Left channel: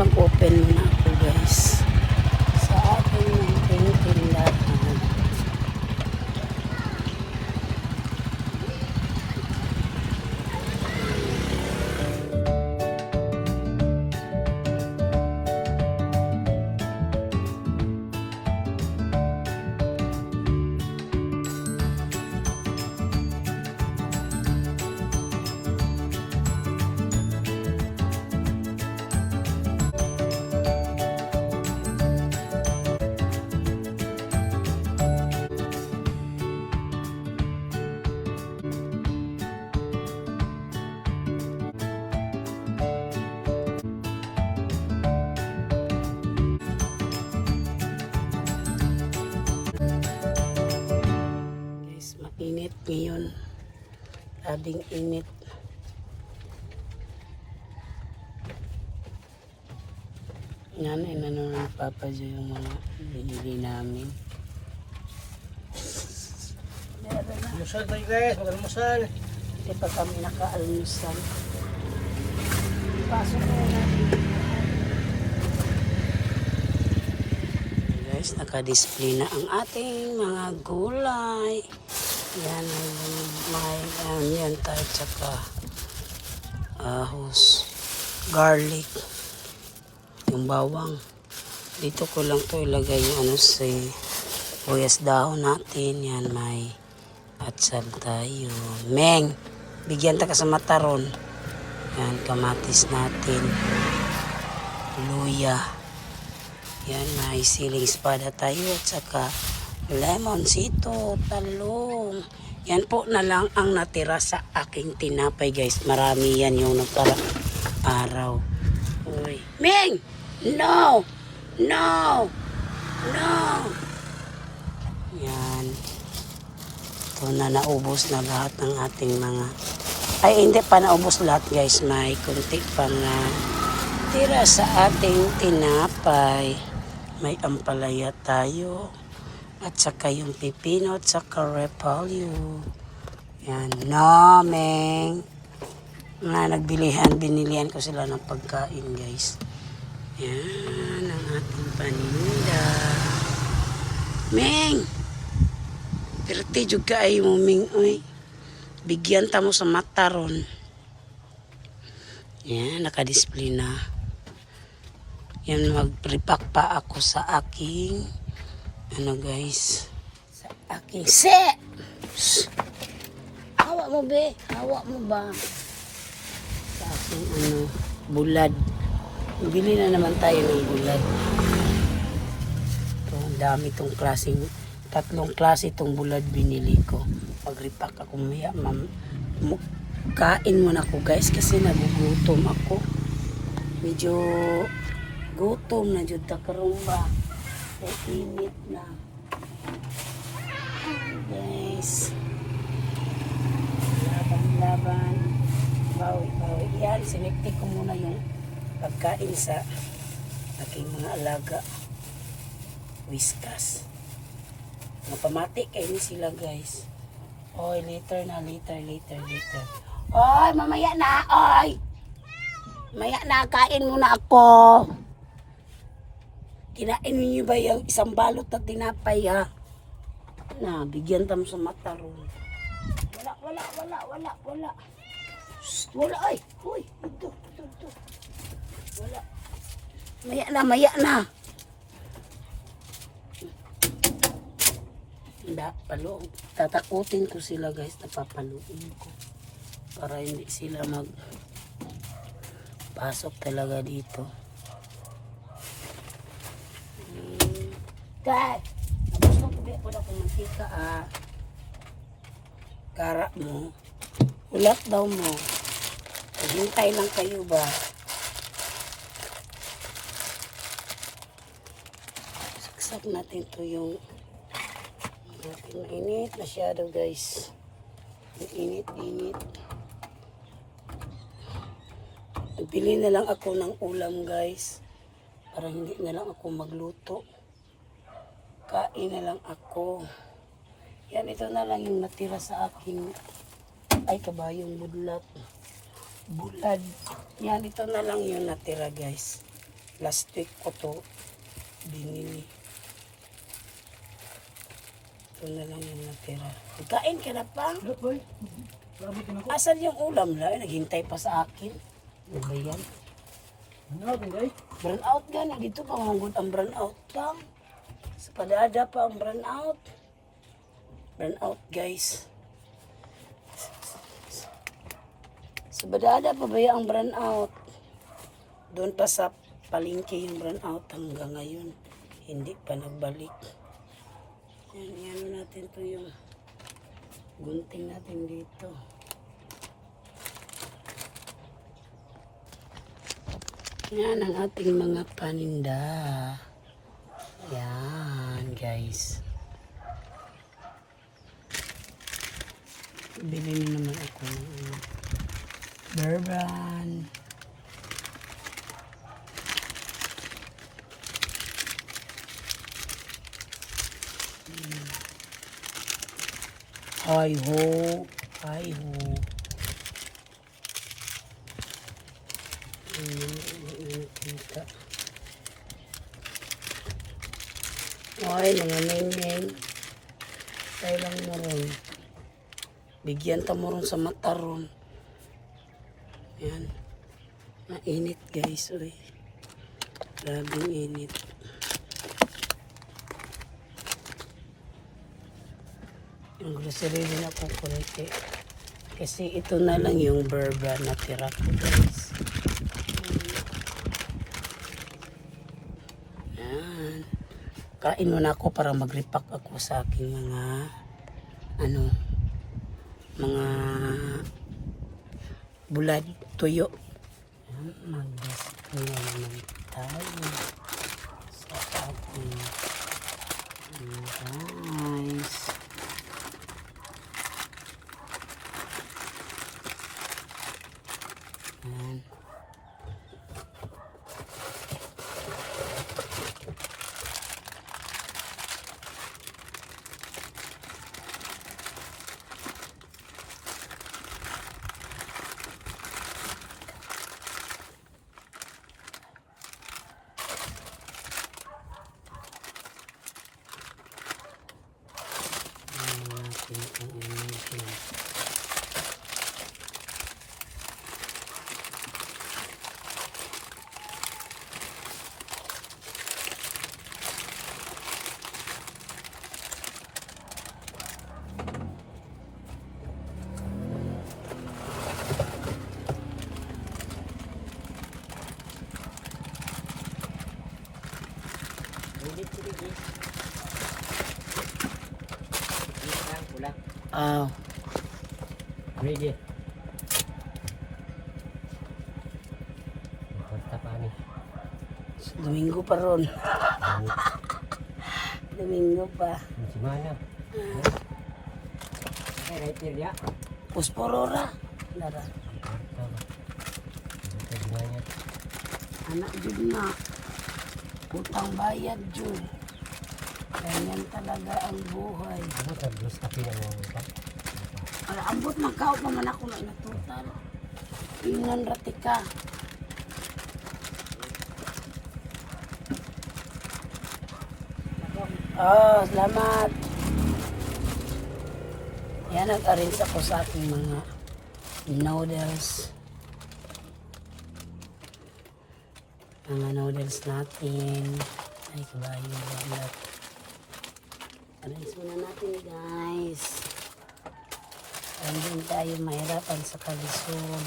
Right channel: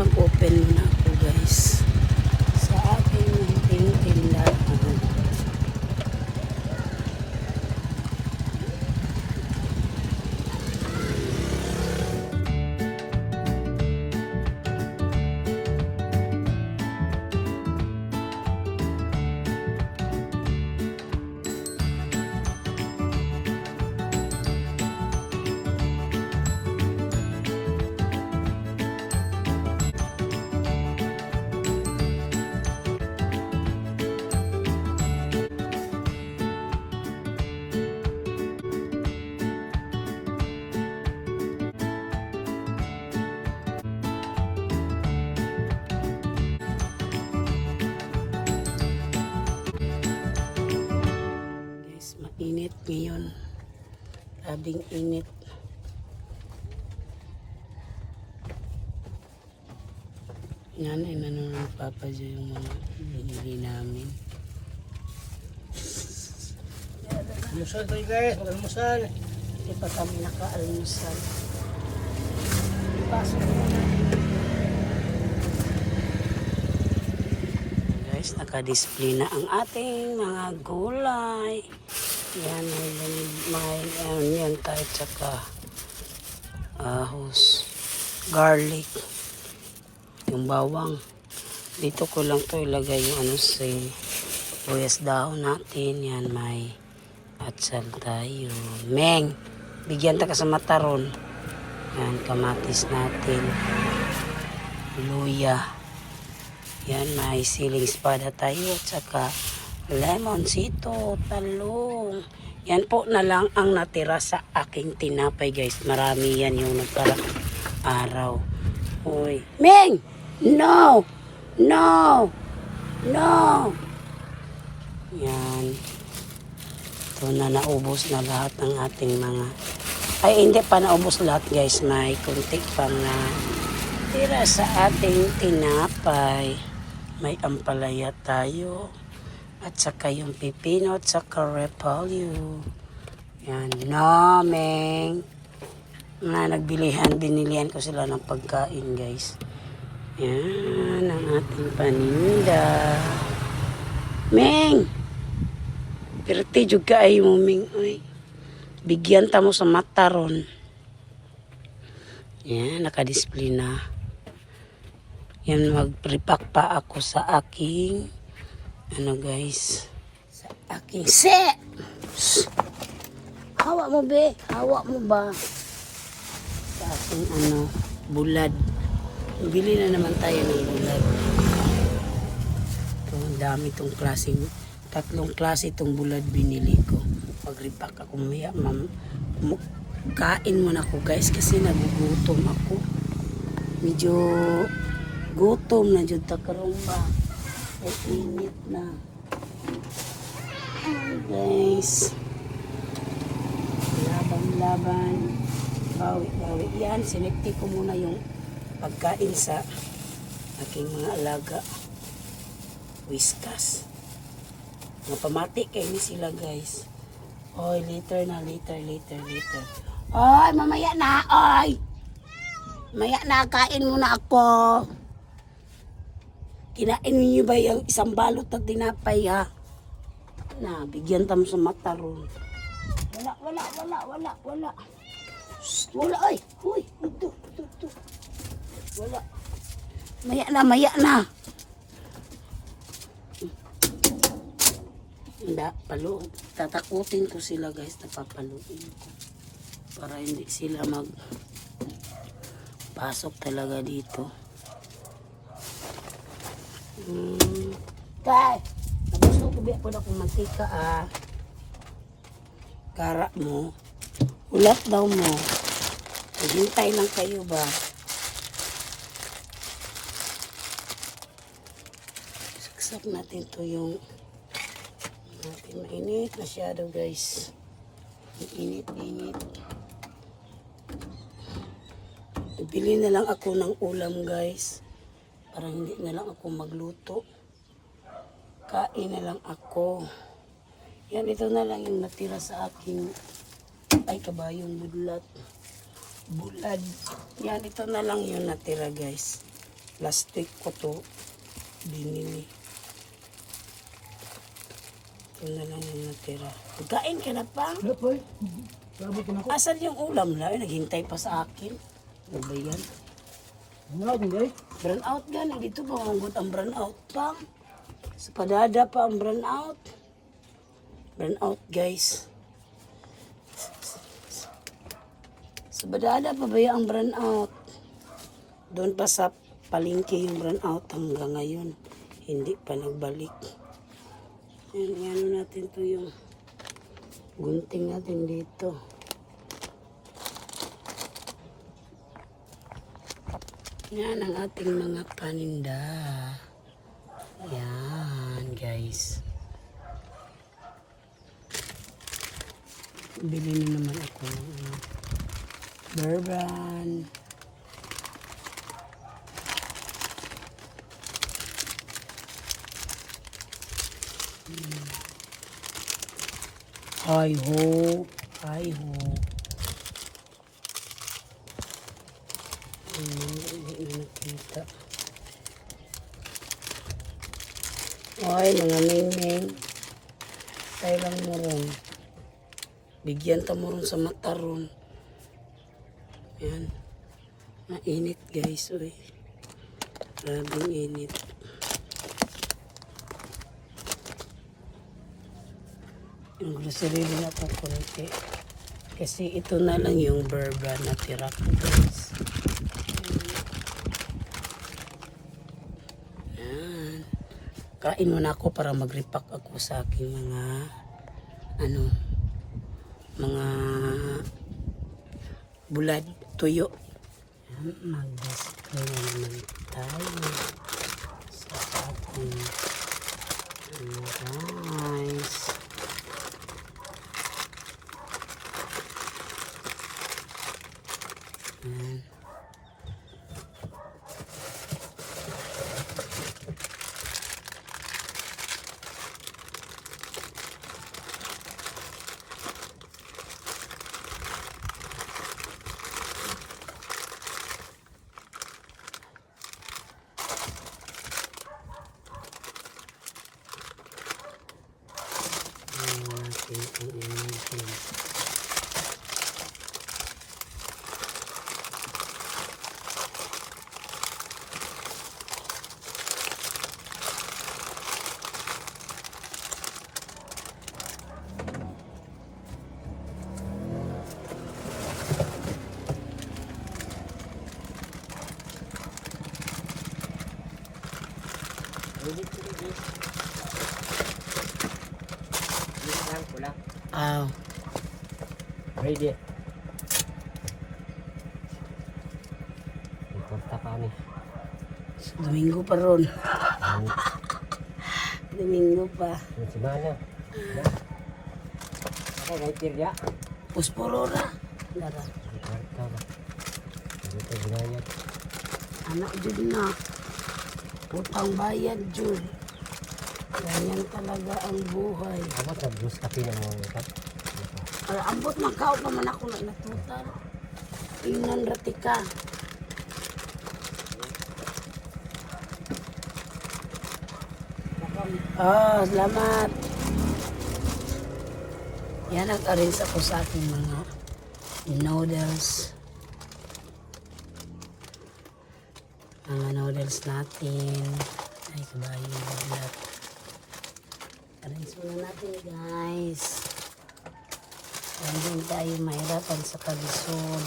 mag-open muna ako guys sa aking munting tindahan. Init ngayon, labing init. Yan ay nanonood Papa Jo yung mga binili namin. Almusal tayo guys, mag-almusal. Hindi pa kami naka-almusal. Pasok na natin. Guys, naka-display na ang ating mga gulay. Yan, may onion tayo, tsaka ahos, garlic, yung bawang. Dito ko lang to ilagay yung si buyas dahon natin. Yan, may atsal tayo. Meng, bigyan ta ka sa mataron. Yan, kamatis natin. Luya. Yan, may siling espada tayo at saka lemonsito, talong. Yan po na lang ang natira sa aking tinapay guys. Marami yan yung nagpara araw. Uy. Ming! No! No! No! Yan. Ito na naubos na lahat ng ating mga... Ay, hindi pa naubos lahat guys. May kunti pang tira sa ating tinapay. May ampalaya tayo. At saka yung pipino at saka repolyo. Yan. Nameng. Binilihan ko sila ng pagkain guys. Yan ang ating paninda. Meng! Pirti juga ay mo Meng. Uy. Bigyan ta mo sa mataron. Yan. Naka-display na. Yan. Mag-repack pa ako sa aking guys, sa aking set. Hawak mo be, hawak mo ba sa aking bulad. Bili na naman tayo ng bulad. Ito, ang dami itong klaseng, 3 klase itong bulad binili ko. Pag-repack ako maya, kain muna ako guys kasi nagugutom ako. Medyo gutom na dyan takarong ba. Ay, init na. Guys. Laban-laban. Bawi-bawi. Yan, sinekti ko muna yung pagkain sa aking mga alaga. Whiskas. Napamati kayo ni sila guys. Oy, later na, later. Oy, mamaya na, oy! Mamaya na, kain muna ako. Kinain niyo ba yung isang balot na tinapay ha? Na, bigyan tam sa mata ron. Wala. Shhh, wala ay. Huy, ito. Wala. Maya na. Hindi, palo. Tatakutin ko sila guys, napapaluin ko. Para hindi sila pasok talaga dito. Kaya, gusto ko biya po na kung mantika kara mo. Ulat daw mo. Hintay lang kayo ba? Saksak natin to yung natin mainit masyado guys. Init. Bili na lang ako ng ulam guys. Para hindi na lang ako magluto. Kain na lang ako. Yan, ito na lang yung natira sa aking kabayong bulad. Yan, ito na lang yung natira guys. Last week ko to binili. Ito na lang yung natira. Magkain ka na pa? Wala po eh. Sabi ko na ko. Asan yung ulam na? Naghintay pa sa akin. Ano ba yan? Ano, guys? Brown out gan. Dito pa manggut ang brown out pa. Sa padada pa ang brown out. Brown out guys. Sa padada pa ba yung brown out? Doon pa sa palengke yung brown out hanggang ngayon. Hindi pa nagbalik. Yan, ano natin to yung gunting natin dito. Yan ang ating mga paninda. Yan, guys. Bili na naman ako ng ano, bourbon. Hi ho, hi ho. Hindi na nakita. Ay, mga ningning. Tayo lang mo ron. Bigyan ta mo ron sa mata ron. Yan. Mainit guys, uy. Grabing init. Yung grocery din ako kunti. Kasi ito na lang yung bourbon na tira ko guys. Yan. Kain muna ako para mag-repack ako sa aking mga ano, mga bulad, tuyo. Yan, mag-display na naman tayo sa ating guys. Yan. Ah, Ready. Punta kami. Domingo pa ron. Domingo pa. Yung semana. Ay, naitirya. Pusporora. Lara. Karta ba? Ito ginayat. Anak jud na. Utang bayad jud. Ganyan talaga ang buhay. Ano ka? Gusto ka na mo ito? Ambot magkaot naman ako na natutal. Ingnan rati ka. Oh, salamat. Yan, nag-arrange ako sa aking mga noodles. Mga noodles natin. Ay, kabayo. Lahat. Arrange muna natin, guys. Hindi tayo mahirapan sa kalisod.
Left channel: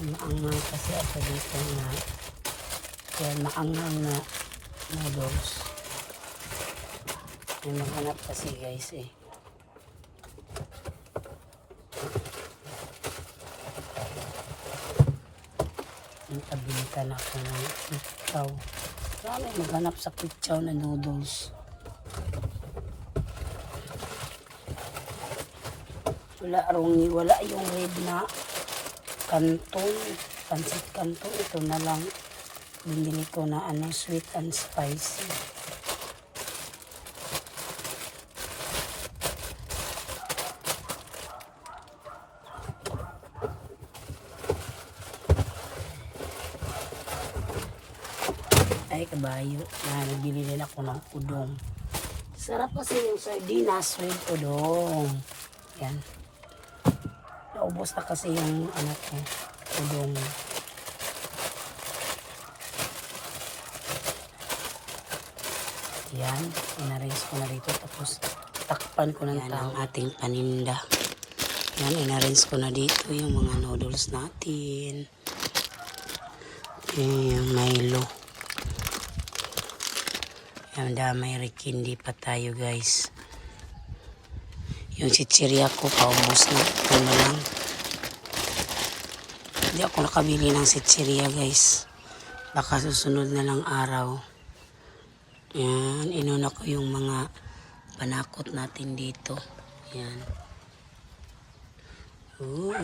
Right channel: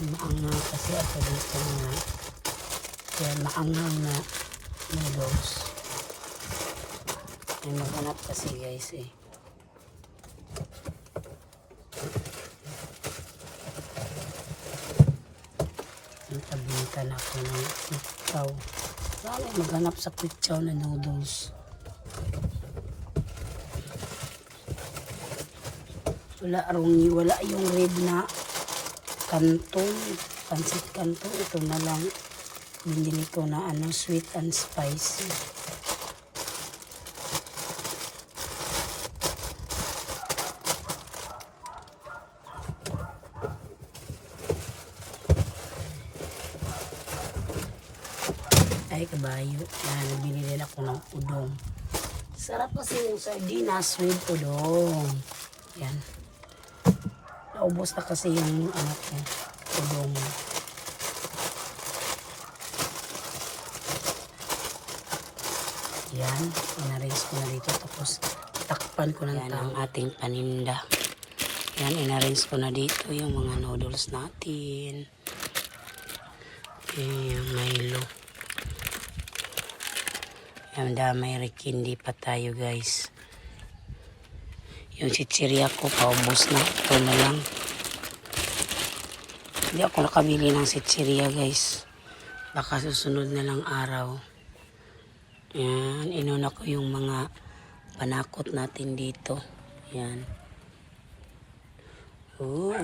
Maanghang kasi ako dito na kaya maanghang na noodles. Ay maghanap kasi guys eh. Nagpabintan ako ng ikaw. Sana maghanap sa quick chow na noodles. Wala yung rib na kantong, pansit kantong. Ito na lang binili ko na ano, sweet and spicy. may kabayo. Yan, nagbili din ako ng udong. Sarap kasi yung sardinas with udong. Yan. Naubos na kasi yung anak ko, udong. Yan, inarrange ko na dito. Tapos, takpan ko ng ang ating paninda. Yan, inarrange ko na dito yung mga noodles natin. Yung Milo. Yan, may rikindi pa tayo guys. Yung chichirya ko, paubos na. Ito na lang. Hindi ako nakabili ng chichirya guys. Baka susunod na lang araw. Yan, inuna ko yung mga panakot natin dito. Yan. Ooh.